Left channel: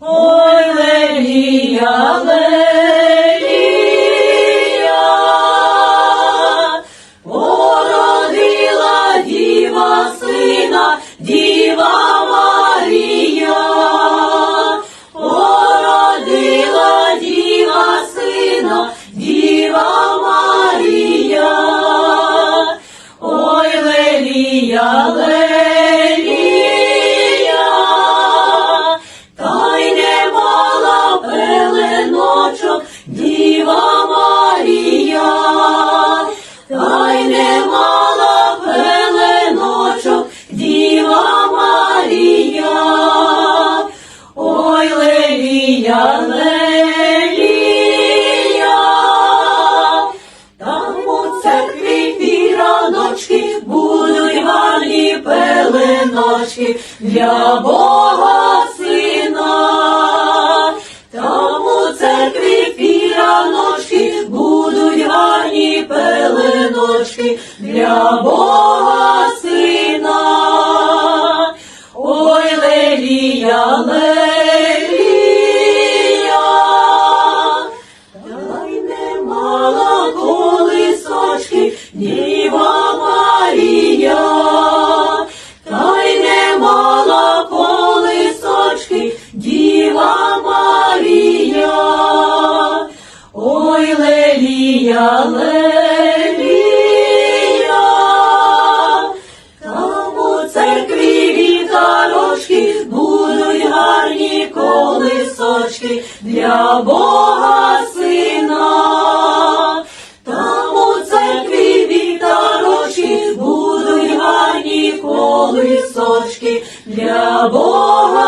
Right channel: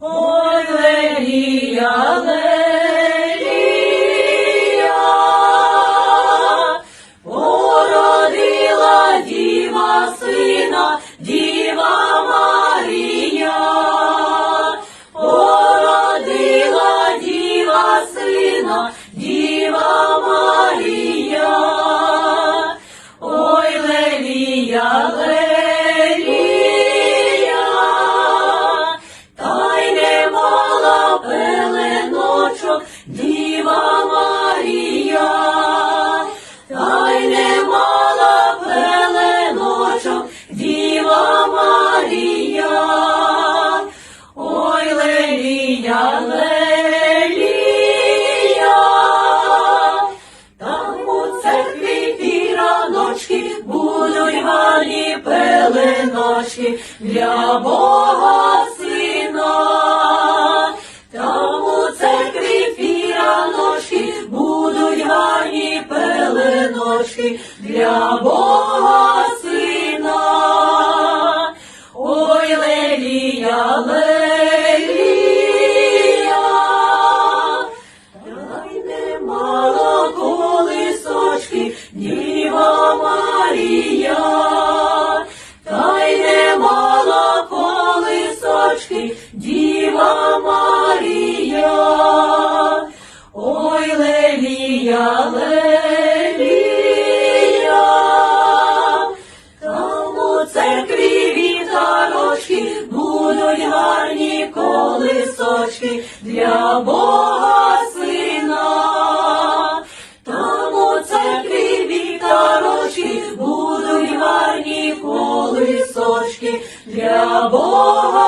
Ой, Лелія, Лелія, пеленочки для Бога сина. Там у церкві піраночки будуть гарні пеленочки для Бога сина. Ой, Лелія, Лелія, та й не мала колисочки, Там у церкві вітарочки будуть гарні колисочки для Бога сина, там у церкві вітарочки будуть гарні колисочки для Бога.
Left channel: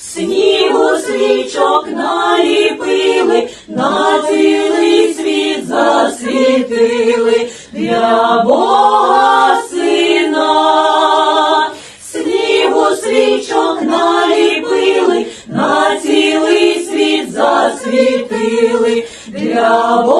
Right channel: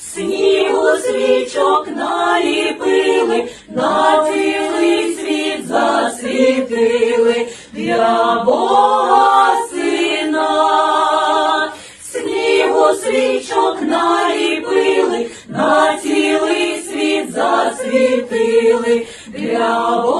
Снігу свічок Наліпили, на цілий світ засвітили для Бога сина, снігу свічок наліпили, на цілий світ засвітили для Бога.